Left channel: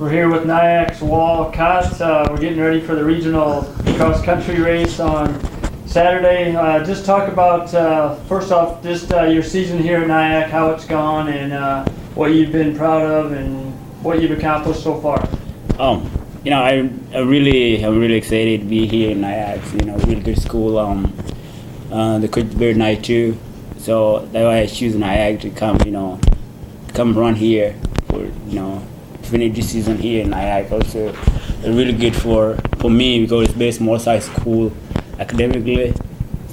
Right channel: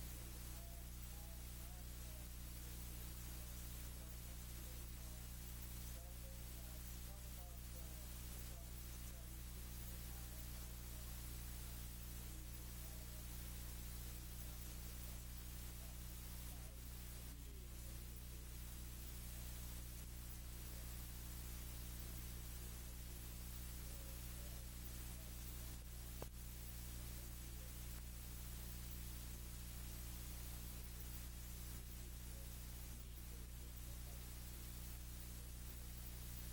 We're here with NIACC's Wal Khat. We're getting ready for the regional cross-country race on Saturday. Just talk about, first off, just your season here at NIACC, how it's gone, and what you've been proud of, and what you've accomplished so far. I'm really excited to be here in NIACC. Really good school. The coach very nice too. So that's why I choose NIACC to come run here for finish this season here in NIACC. Also, really good for me because it's very small size school academically.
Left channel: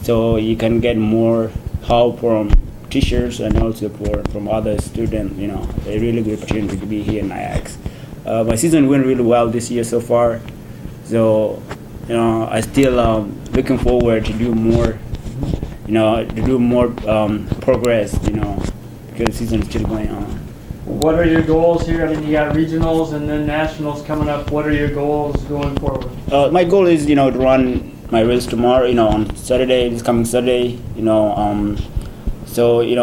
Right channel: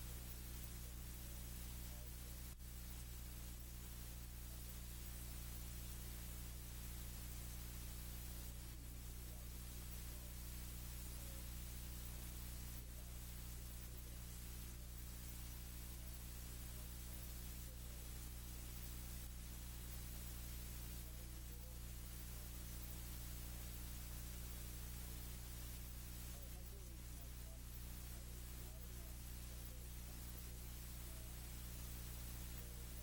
So you can get more help from teachers and also from other students. A really good opportunity to be here in NIACC. My season went really well this year so far. So I still looking forward to do more. Progress. Because the season is still going on. What are your goals here? I mean, you got regionals and then nationals coming up. What are your goals going forward? My goal is, to run my race tomorrow, on Saturday, this coming Saturday, So, it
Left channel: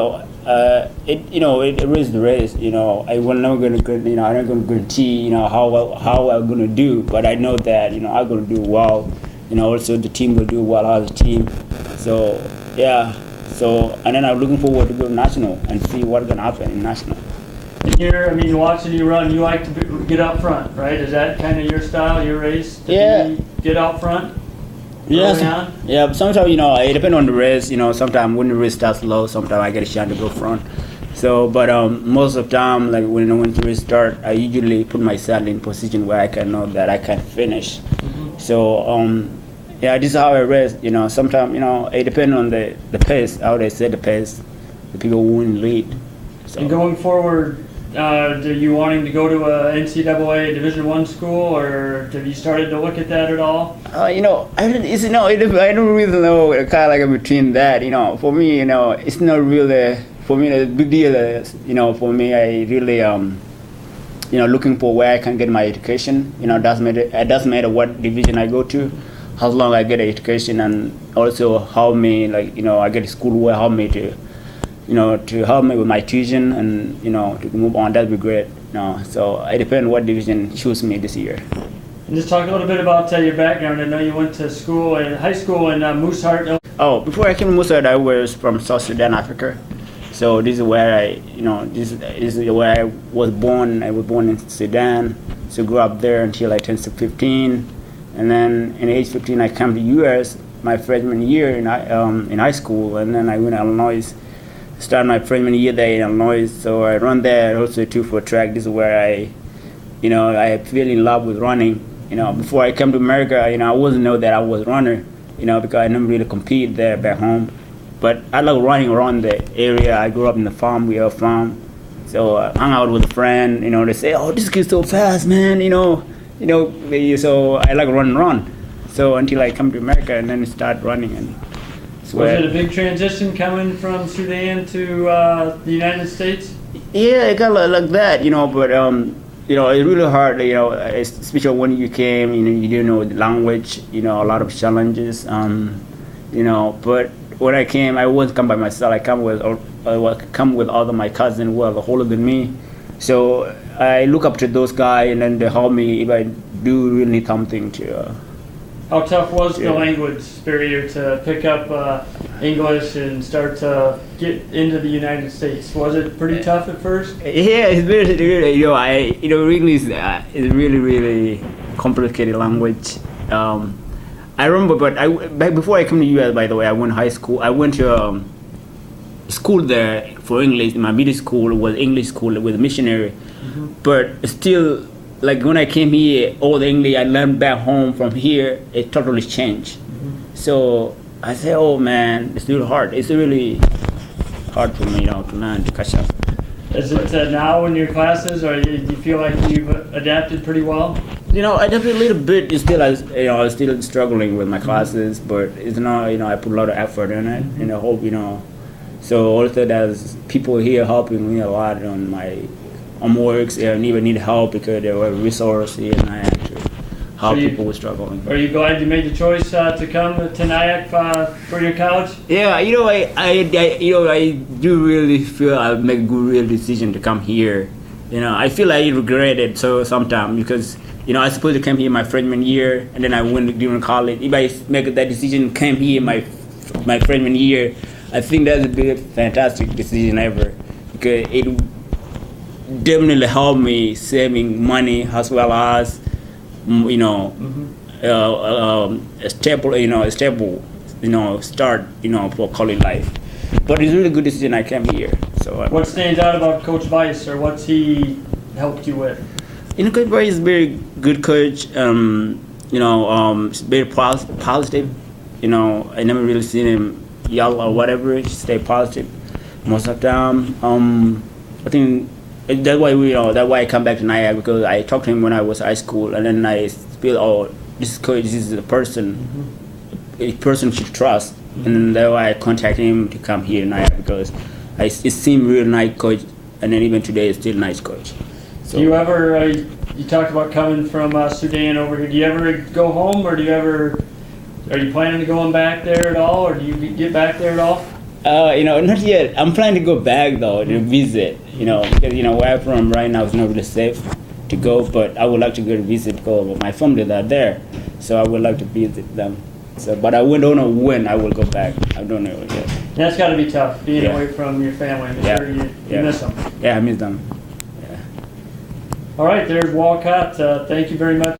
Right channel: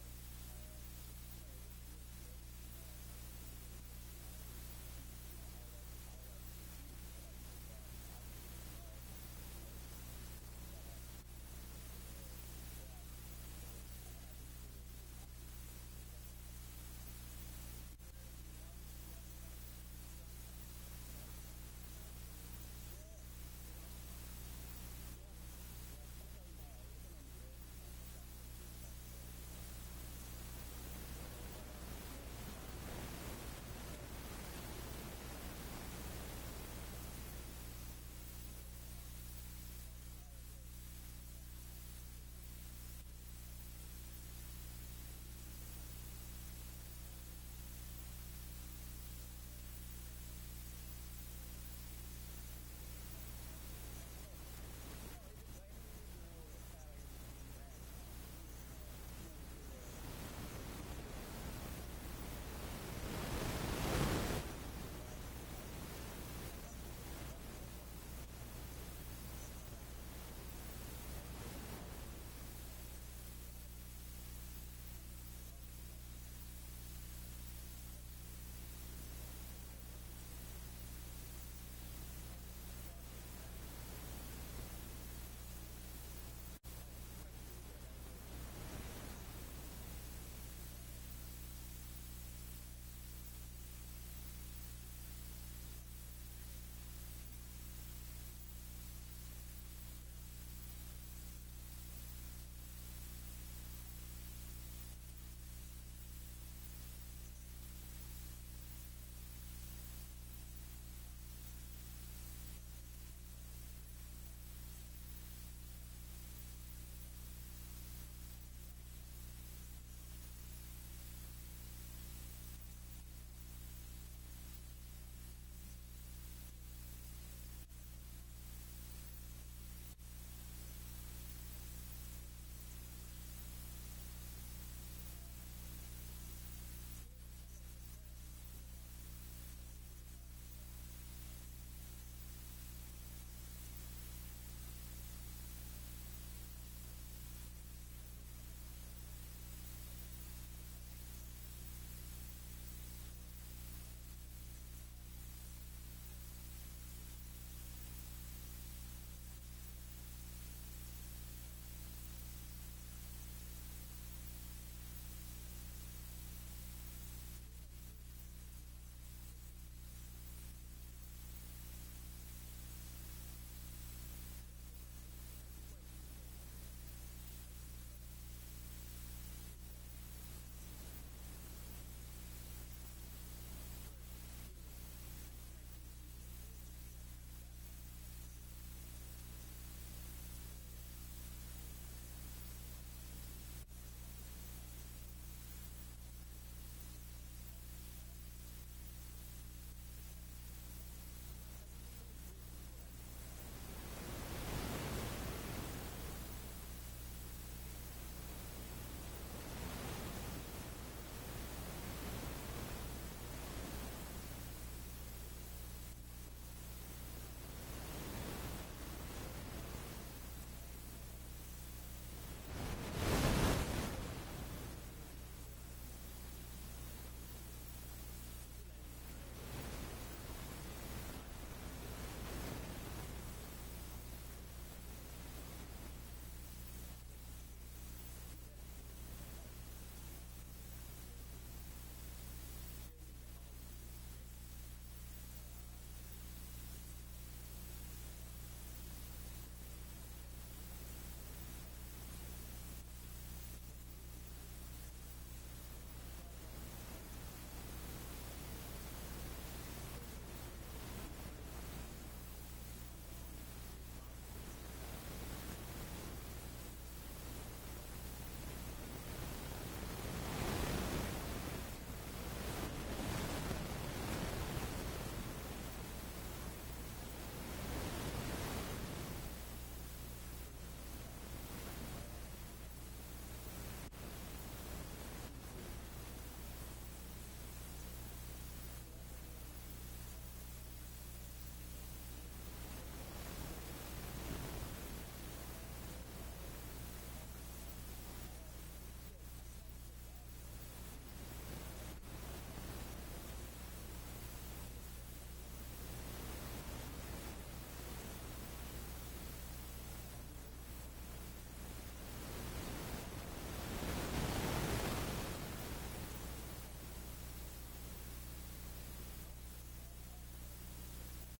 is the race, I will never gonna, I'm not gonna guarantee, how I'm gonna do, but I know that, I'm gonna do well. Also the team will do well as a team. So, yeah. So, and then I'm looking forward to go national and see what's gonna happen in national. Here, I mean, watching you run, you like to get out front, right? Is that kind of your style, your race? Get out front? Yes. Yeah, but sometimes, it depends on the race. Sometimes when the race starts slow, sometimes I get a chance to go front. So, but most of the time, like when the race starts, I usually put myself in position where I can know that I can finish. Mm-hmm. So, this is how I race. Sometimes, it depends on the pace, how they set the pace, the people who win lead. So. And going forward, are you wanting to go to a NCAA Division I school, or have you started to look at that at all? I don't really know kind of like between that. For me, it's not really for me the big deal is, for me I really looking for where I can get my education. It doesn't matter what division I go to, how long I get education, and also how me I get a school where help me to help me with my tuition and to move on. That'd be great. So it depends what division choose me this year. And just talk a little bit about your background. I know you went to school in high school in Mooseheart. Oh, before I came to Mooseheart, I was from South Sudan, Africa. So this is where this is where I was born. I was born in Sudan. So grew up there until I turned 15, and then in age 15 I came to U.S. my freshman year in high school, and then I went to Illinois. Started my freshman year there in Illinois, so I run there also too for track. This is where I fell in love with running. Before I came to America, I wasn't know that I was a runner, because I never really compete there back home. But I like running around the area. I grew up in the farm. We have a farm, so I hung out with a friend. They say, "Oh, this kid's so fast, man!" So I like running around. So until I come to America and then start running and. Was it a big transition coming from Sudan to the United States? Yeah, it got like that, but it's really hard, especially when you came, you didn't know the language, a lot of challenges, but when I came, I wasn't come by myself. I come with all of my cousins who are older than me. So I look up to those guys, and then they help me if I do really need something to. How tough was the language barrier to pick up English and start to get into the United States? Was it pretty tough at first? Yeah, it's really, English is really, really complicated language. I remember, but before I came to U.S., by the way, I went to high school. I went to school there for English. My middle school was English school with a missionary, but still. Like when I came here, all the English I learned back home from here, it totally changed. So I said, oh man, it's really hard. It's really hard for me, to learn, to catch up. Is it now in your classes, or do you feel like you've adapted pretty well? I adapted a little bit. It's still, I'm still struggling with my classes, but it's not, I put a lot of effort in it, and I hope, So also there's people here helping me a lot on my works, and even need help because there were resources and I actually help people who are struggling. Are you glad you made the choice to come to NIACC for your college? Yeah, I do really feel I make a good real decision to come here. You know, I feel I regret it so sometimes because, you know, I supposed to come here my freshman year, and then I went during college. If I make that decision, come here my freshman year, I think that's a big, fantastic decision ever, because it definitely helped me saving money as well as, you know, a stable, start, for college life. But it's a really good decision I came here. So What stands out about Coach Weiss, or what's he helped you with? Coach Boy is very good coach. Very positive. I never really seen him yell or whatever. He stay positive most of the time. I think that's why I come back to NIACC, because I talked to him when I was high school, and then I feel, oh, this coach, this is a person should trust, and then that's why I contact him to come here to NIACC, because it seemed real nice coach, and then even today it's still nice coach. So, Do you ever, you talked about coming from Sudan over here, do you ever go home, or are you planning to going back there at all, or do you get back there at all? Not yet. I'm planning to go back though to visit, because where I'm from right now is not really safe to go, but I would like to go to visit because my family are there, so I would like to visit them. So, but I don't know when I will go back. I don't know yet. That's got to be tough, being away from your family. I'm sure you miss them. Yeah, I miss them. All right, there's Wal Khat. Thank you very much.